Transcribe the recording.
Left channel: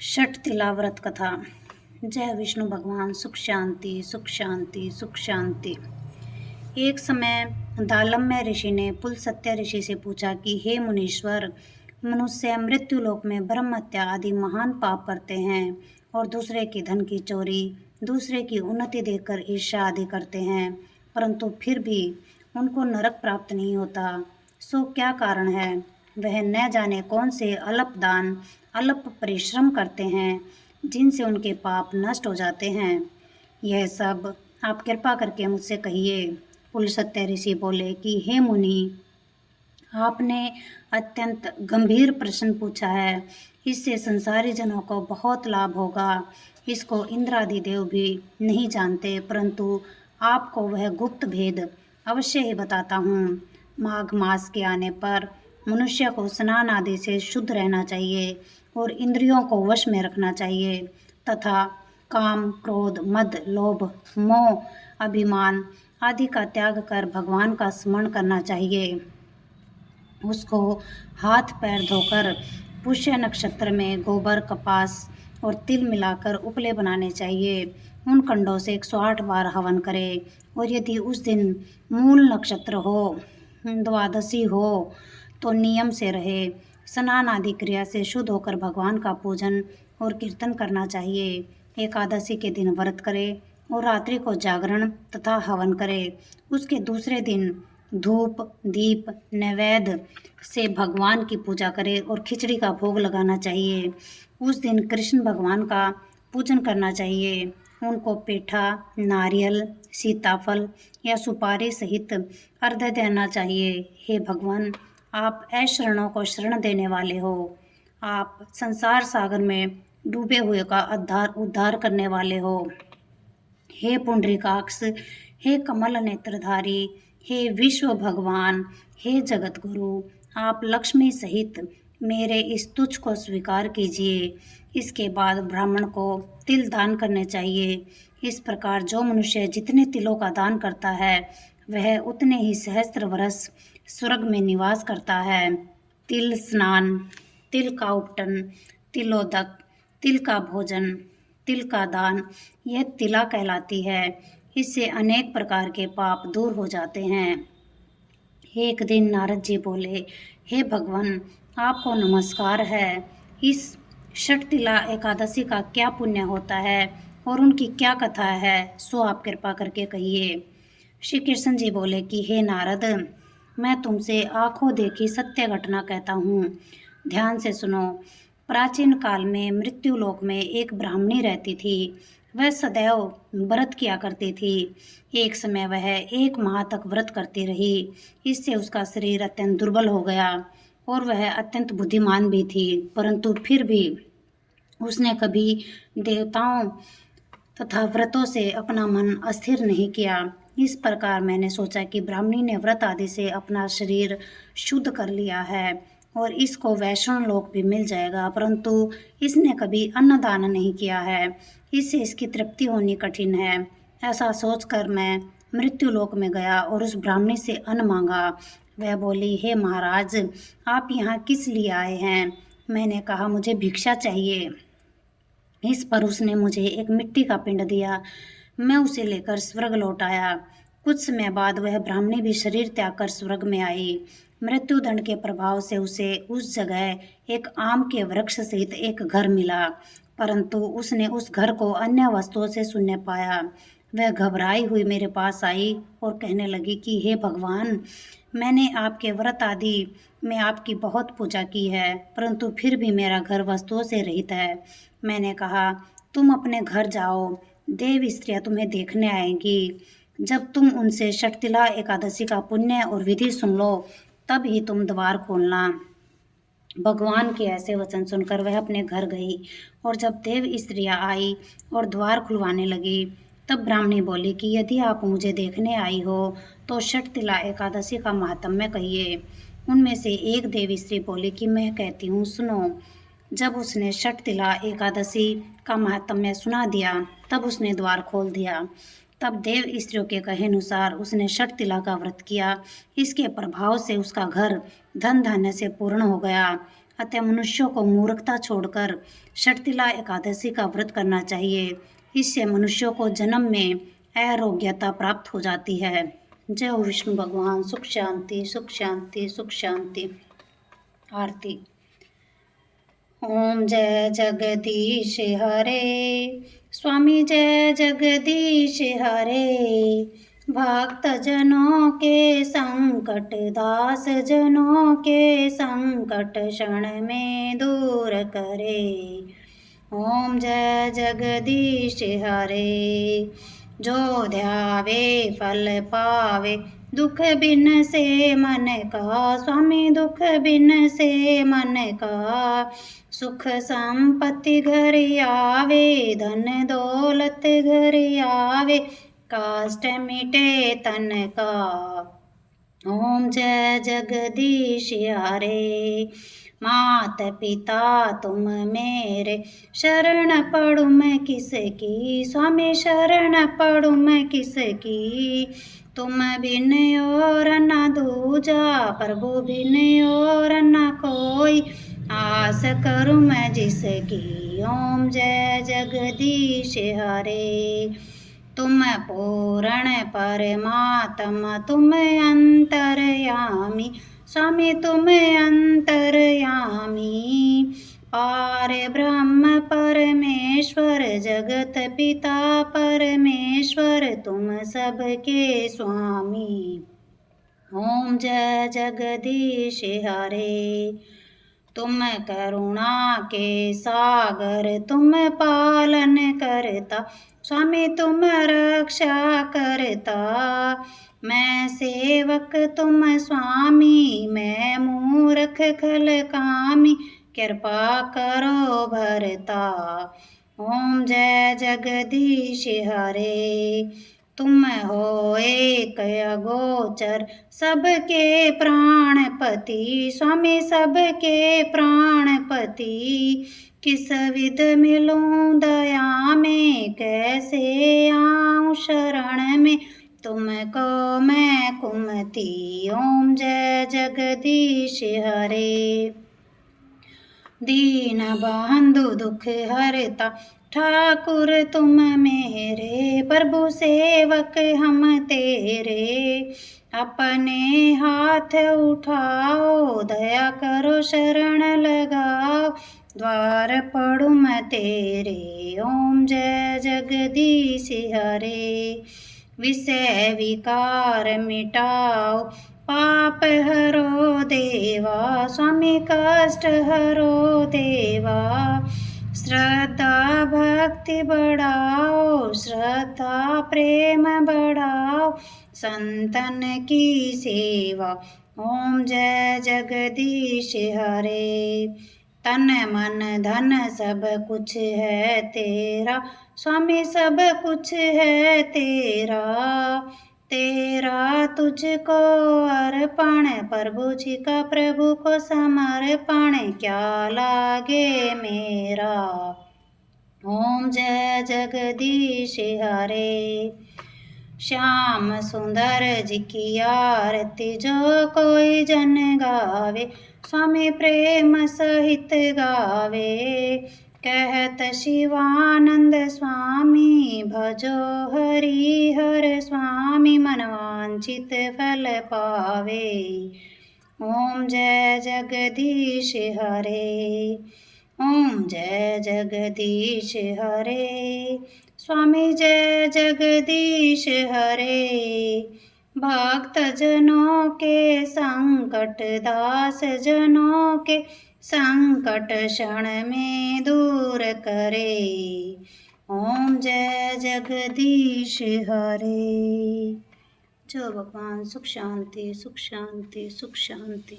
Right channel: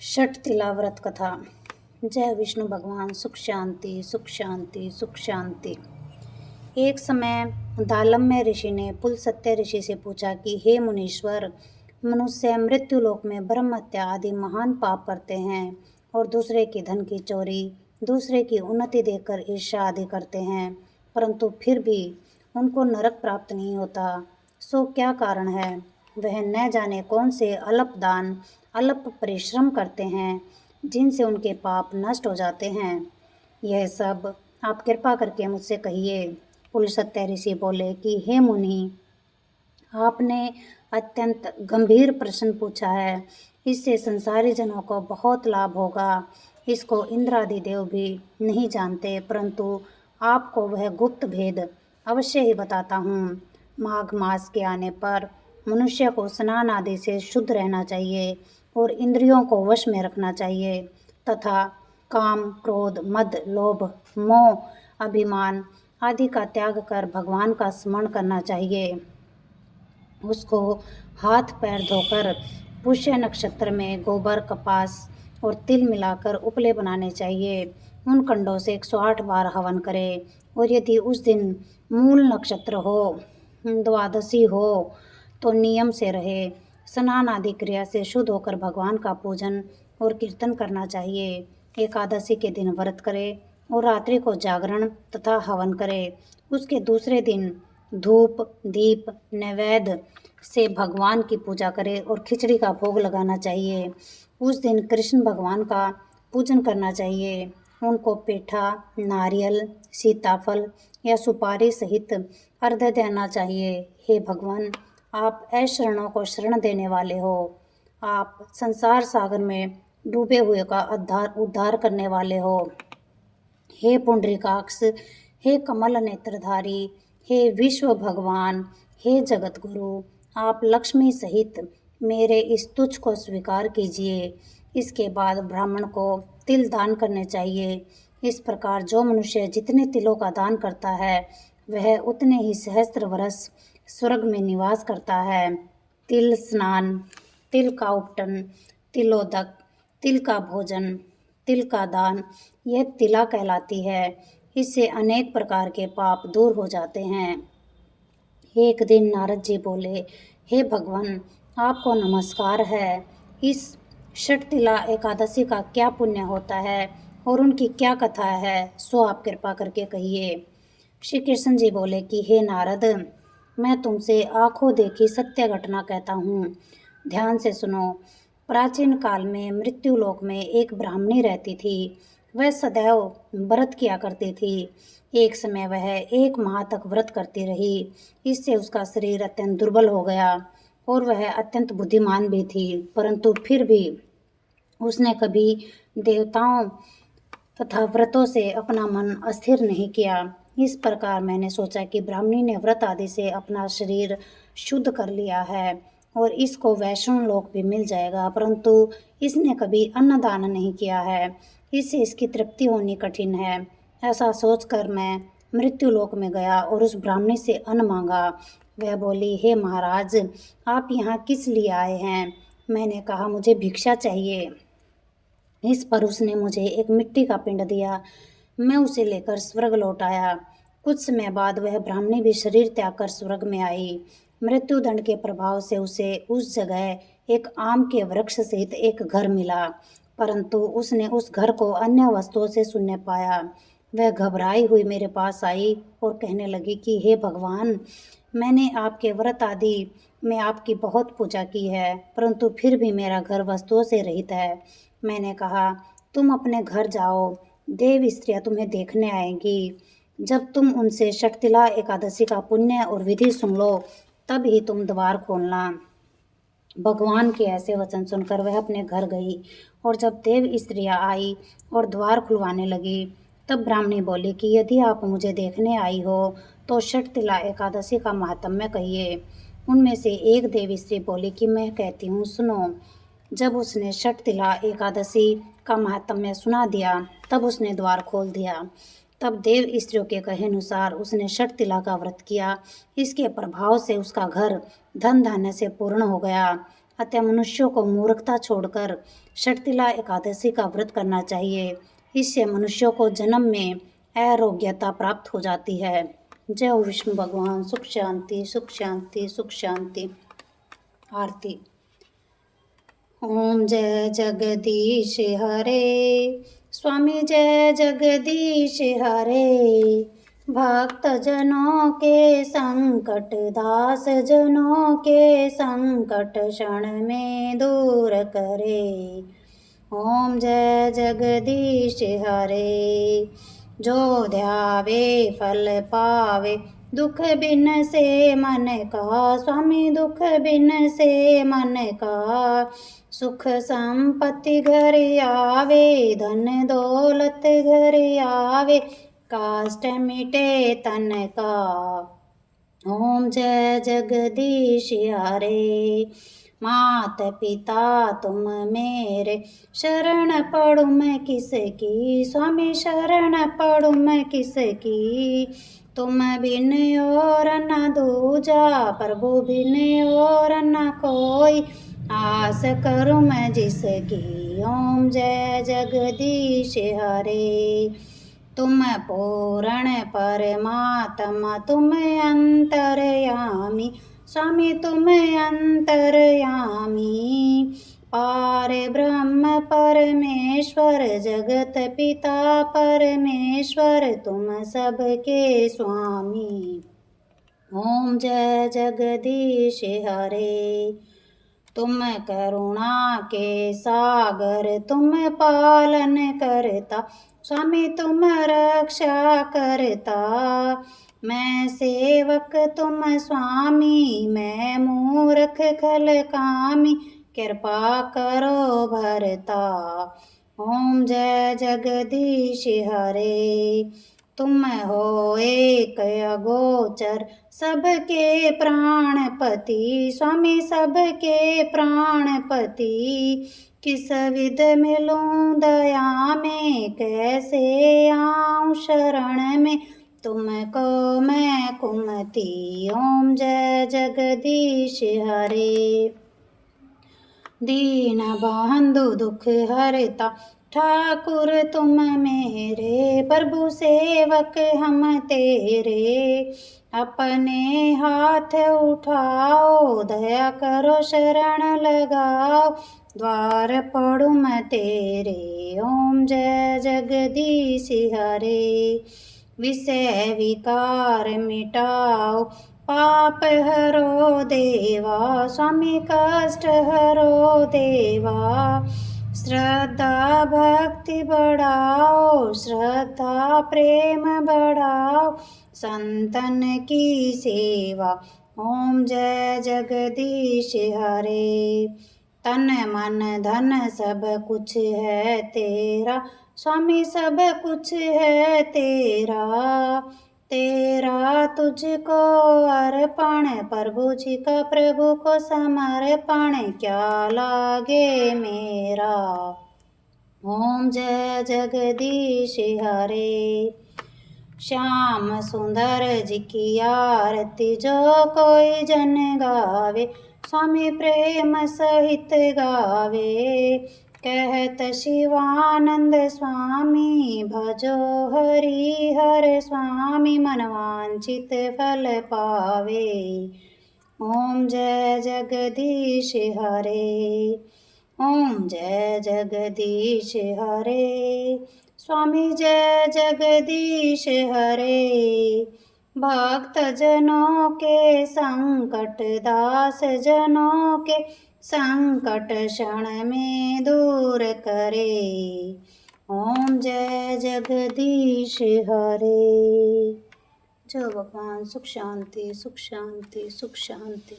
षट तिला व्रत कथा। जय विष्णु भगवान। सुख शांति सुख शांति सुख शांति। एक समय दालम्य ऋषि ने पुलस्त्य ऋषि से पूछा कि हे मुनीश्वर, मनुष्य मृत्यु लोक में ब्रह्म हत्या आदि महान पाप करते हैं और दूसरे के धन की चोरी, दूसरे की उन्नति देखकर ईर्ष्या आदि करते हैं, परंतु फिर भी उनको नरक प्राप्त नहीं होता। सो क्या कारण है? वह न जाने कौन से अल्प दान, अल्प परिश्रम करते हैं जिनसे उनके पाप नष्ट हो जाते हैं। यह सब आप कृपा करके मुझसे कहिए। पुलस्त्य ऋषि बोले कि हे मुनि, आपने अत्यंत गंभीर प्रश्न पूछा है। इससे संसारी जनों को बहुत लाभ होगा। इसको इंद्र आदि देव भी नहीं जानते, परंतु आपको वह गुप्त भेद अवश्य ही बताता हूँ। माघ मास के आने पर मनुष्य को स्नान आदि से शुद्ध रहना चाहिए और इंद्रियों को वश में रखना चाहिए तथा काम, क्रोध, मद, लोभ, मोह, अभिमान आदि का त्याग कर भगवान का स्मरण करना चाहिए। उसको हाथ पैर धोकर पुष्य नक्षत्र में गोबर, कपास और तिल मिलाकर उपले बनाने चाहिए। उन कंडों से 108 बार हवन करे और यदि उस दिन मूल नक्षत्र हो, द्वादशी हो तो नियम से रहे। स्नान आदि क्रिया से शुद्ध होकर भगवान का पूजन और कीर्तन करना चाहिए। एकादशी के दिन व्रत करे और रात्रि को जागरण तथा हवन करे। उसके दूसरे दिन धूप, दीप, नैवेद्य से भगवान की पूजा करे और खिचड़ी का भोग लगाना चाहिए। उस दिन कृष्ण भगवान का पूजन करना चाहिए। उनको पेठा, नारियल, सीताफल या सुपारी सहित अर्घ्य देना चाहिए। हे भगवान, आप अशरणों को शरण देने वाले हो। आप संसार सागर में डूबे हुए का उद्धार करने वाले हो। हे पुंडरीकाक्ष, हे कमल नेत्रधारी, हे विश्व भगवान, हे जगत गुरु, आप लक्ष्मी सहित मेरे इस तुच्छ को स्वीकार कीजिए। इसके बाद ब्राह्मण को तिल दान करने चाहिए। इस प्रकार जो मनुष्य जितने तिलों का दान करता है वह उतने ही सहस्त्र वर्ष स्वर्ग में निवास करता है। तिल स्नान, तिल का उपटन, तिलोदक, तिल का भोजन, तिल का दान, यह तिला कहलाती है। इससे अनेक प्रकार के पाप दूर हो जाते हैं। एक दिन नारद जी बोले, हे भगवान, आपको नमस्कार है। इस षटतिला एकादशी का क्या पुण्य होता है और उनकी क्या कथा है, सो आप कृपा करके कहिए। श्री कृष्ण जी बोले कि हे नारद, मैं तुमसे आंखों देखी सत्य घटना कहता हूँ, ध्यान से सुनो। प्राचीन काल में मृत्युलोक में एक ब्राह्मणी रहती थी। वह सदैव व्रत किया करती थी। एक समय वह 1 माह तक व्रत करती रही। इससे उसका शरीर अत्यंत दुर्बल हो गया और वह अत्यंत बुद्धिमान भी थी, परंतु फिर भी उसने कभी देवताओं तथा व्रतों से अपना मन अस्थिर नहीं किया। इस प्रकार मैंने सोचा कि ब्राह्मणी ने व्रत आदि से अपना शरीर शुद्ध कर लिया है और इसको वैष्णव लोक भी मिल जाएगा, परंतु इसने कभी अन्नदान नहीं किया है। इससे इसकी तृप्ति होनी कठिन है। ऐसा सोचकर मैं मृत्यु लोक में गया और उस ब्राह्मणी से अन्न मांगा। वह बोली, हे महाराज, आप यहाँ किस लिए आए हैं? मैंने कहा, मुझे भिक्षा चाहिए। इस पर उसने मुझे एक मिट्टी का पिंड दिया। मैं उसे लेकर स्वर्ग लौट आया। कुछ समय बाद वह ब्राह्मणी भी शरीर त्याग कर स्वर्ग में आई। मृत्यु दंड के प्रभाव से उसे उस जगह एक आम के वृक्ष सहित एक घर मिला, परंतु उसने उस घर को अन्य वस्तुओं से शून्य पाया। वह घबराई हुई मेरे पास आई और कहने लगी कि हे भगवान, मैंने आपके व्रत आदि में आपकी बहुत पूजा की है, परंतु फिर भी मेरा घर वस्तुओं से रहित है। मैंने कहा, तुम अपने घर जाओ, देव स्त्रियां तुम्हें देखने आएंगी। जब तुम उनसे षटतिला एकादशी का पुण्य और विधि सुन लो, तब ही तुम द्वार खोलना। भगवान के ऐसे वचन सुनकर वह अपने घर गई और जब देव स्त्रियां आई और द्वार खुलवाने लगी, तब ब्राह्मणी बोली कि यदि आप मुझे देखने आई हो तो षटतिला एकादशी का महात्म्य कहिए। उनमें से एक देव स्त्री बोली कि मैं कहती हूँ, सुनो। जब उसने षटतिला एकादशी का महात्म्य सुना दिया, तब उसने द्वार खोल दिया। तब देव स्त्रियों के कहे अनुसार उसने षटतिला का व्रत किया। इसके प्रभाव से उसका घर धन धान्य से पूर्ण हो गया। अतः मनुष्यों को मूर्खता छोड़कर षटतिला एकादशी का व्रत करना चाहिए। इससे मनुष्यों को जन्म में आरोग्यता प्राप्त हो जाती है। जय हो विष्णु भगवान। सुख शांति, सुख शांति, सुख शांति। आरती। ओम जय जगदीश हरे, स्वामी जय जगदीश हरे। भक्त जनों के संकट, दास जनों के संकट क्षण में दूर करे। ओम जय जगदीश हरे। जो ध्यावे फल पावे, दुख बिन से मन का। स्वामी दुख बिन से मन का। सुख संपत्ति घर आवे, धन दौलत घर आवे। काष्ट मिटे तन का। ओम जय जगदीश हरे। मात पिता तुम मेरे, शरण पढ़ूँ मैं किसकी। स्वामी शरण पढ़ूँ मैं किसकी। तुम बिन और न दूजा, प्रभु बिन और न कोई। आस करूँ मैं जिसकी। ओम जय जगदीश हरे। तुम पूर्ण परमात्मा, तुम अंतर्यामी। स्वामी तुम अंतर्यामी। पार ब्रह्म परमेश्वर, जगत पिता परमेश्वर, तुम सबके स्वामी। ओम जय जगदीश हरे। तुम करुणा के सागर, तुम पालन करता। स्वामी तुम रक्षा करता। मैं सेवक तुम स्वामी, मैं मूर्ख खल कामी। कृपा करो भरता। ओम जय जगदीश हरे। तुम हो एक अगोचर, सबके प्राणपति। स्वामी सबके प्राणपति। किस विध मिलूं दया में, कैसे आऊं शरण में। तुमको मैं कुमति। ओम जय जगदीश हरे। दीन बंधु दुख हरता, ठाकुर तुम मेरे। प्रभु सेवक हम तेरे। अपने हाथ उठाओ, दया करो शरण लगाओ। द्वार पढ़ूँ मैं तेरे। ओम जय जगदीश हरे। विषय विकार मिटाओ, पाप हरो देवा। स्वामी कष्ट हरो देवा। श्रद्धा भक्ति बढ़ाओ, श्रद्धा प्रेम बढ़ाओ। संतन की सेवा। ओम जय जगदीश हरे। तन मन धन सब कुछ है तेरा। स्वामी सब कुछ है तेरा। तेरा तुझको अर्पण, प्रभु जी का प्रभु को समर्पण। क्या लागे मेरा। ओम जय जगदीश हरे। श्याम सुंदर जी की आरती, जो कोई जन गावे। स्वामी प्रेम सहित गावे। कहत शिवानंद स्वामी, भजो हरि हर स्वामी। मनवांचित फल पावे। ओम जय जगदीश हरे। ओम जय जगदीश हरे। स्वामी जय जगदीश हरे। भक्त जनों के संकट, दास जनों के संकट क्षण में दूर करे। ओम जय जगदीश हरे। जय भगवान। सुख शांति, सुख शांति, सुख शांति।